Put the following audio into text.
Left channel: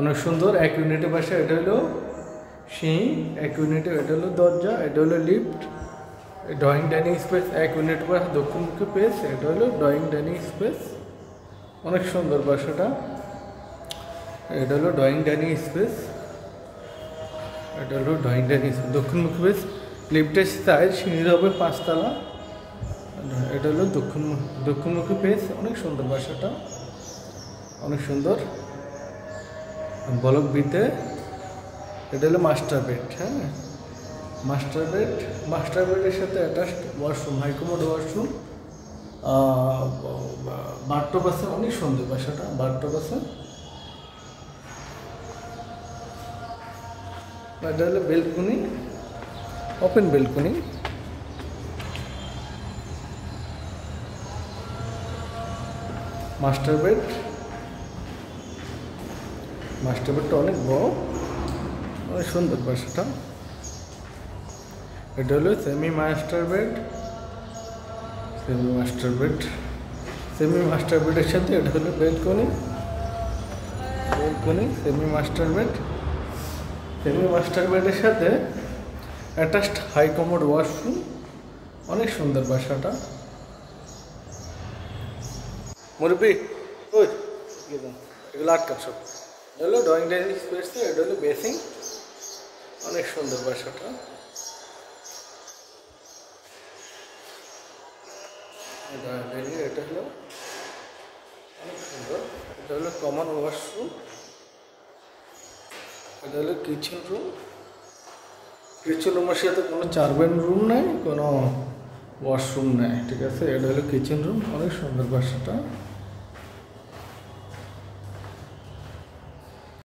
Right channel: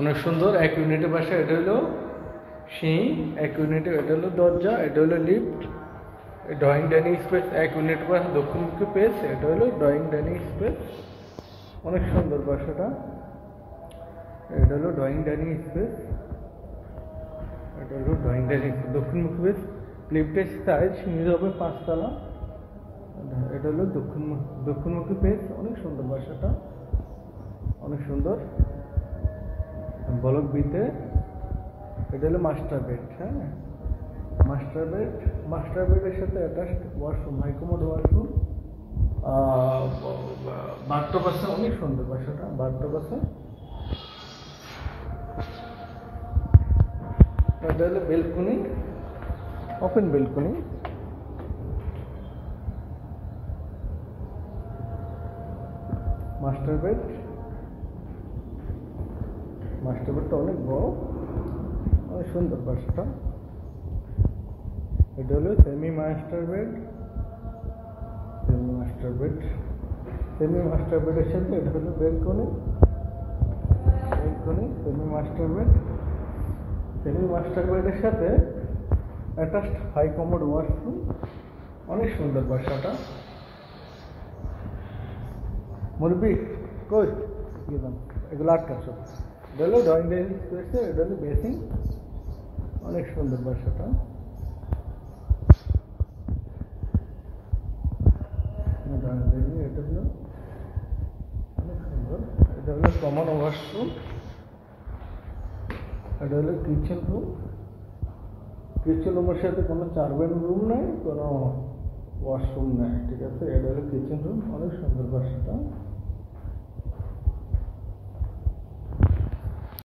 অনেক সুন্দর এক ইউনিটের বাসা। এটা হলো সিঁড়ি, এক ইউনিটে এটা হলো দরজা, এটা হলো লিফট, ড্রয়িং ডাইনিং স্পেস। এক ইউনিটের বাসা দক্ষিণমুখী পেস, এটা হলো ড্রয়িং ডাইনিং স্পেস। অনেক সুন্দর বাসাটা। এটা হলো ড্রয়িং ডাইনিং স্পেস, এটা হলো ড্রয়িং ডাইনিং স্পেস, দক্ষিণমুখী পেস। লিফটের সাইজ সিঁড়ি হবে 5 তলা। এটা হলো দক্ষিণমুখী পেস। অনেক সুন্দর বাসাটা, অনেক সুন্দর। ব্লক বিতে এটা হলো মাস্টার বেড। হ্যাঁ, মাস্টার বেডের সাথে attached washroom, high commode washroom, bathtub আছে। অনেক সুন্দর বাসাটা, বাথটব আছে। এটা হলো বেলকনি, ওপেন বেলকনি। মাস্টার বেডটা অনেক বড়, অনেক সুন্দর বাসাটা। এটা হলো সেমি মাস্টার বেডের সাথে এটা হলো বেলকনি। সেমি মাস্টার বেডের সাথে অ্যাটাচড হাই কমোড ওয়াশরুম। অনেক সুন্দর বাসাটা। মুরব্বি কই এগুলো আটকা সব। এটা হলো ড্রয়িং ডাইনিং স্পেস, এটা হলো বেসিং। অনেক সুন্দর বাসাটা। এটা হলো অনেক সুন্দর। এটা হলো কমন ওয়াশরুম, এটা হলো কিচেন রুমের সাথে কোনো চারবেন রুম নেই, কোনো ওয়াশরুম নেই, ঠিক আছে। এটা হলো কিচেন রুম। অনেক সুন্দর বাসাটা।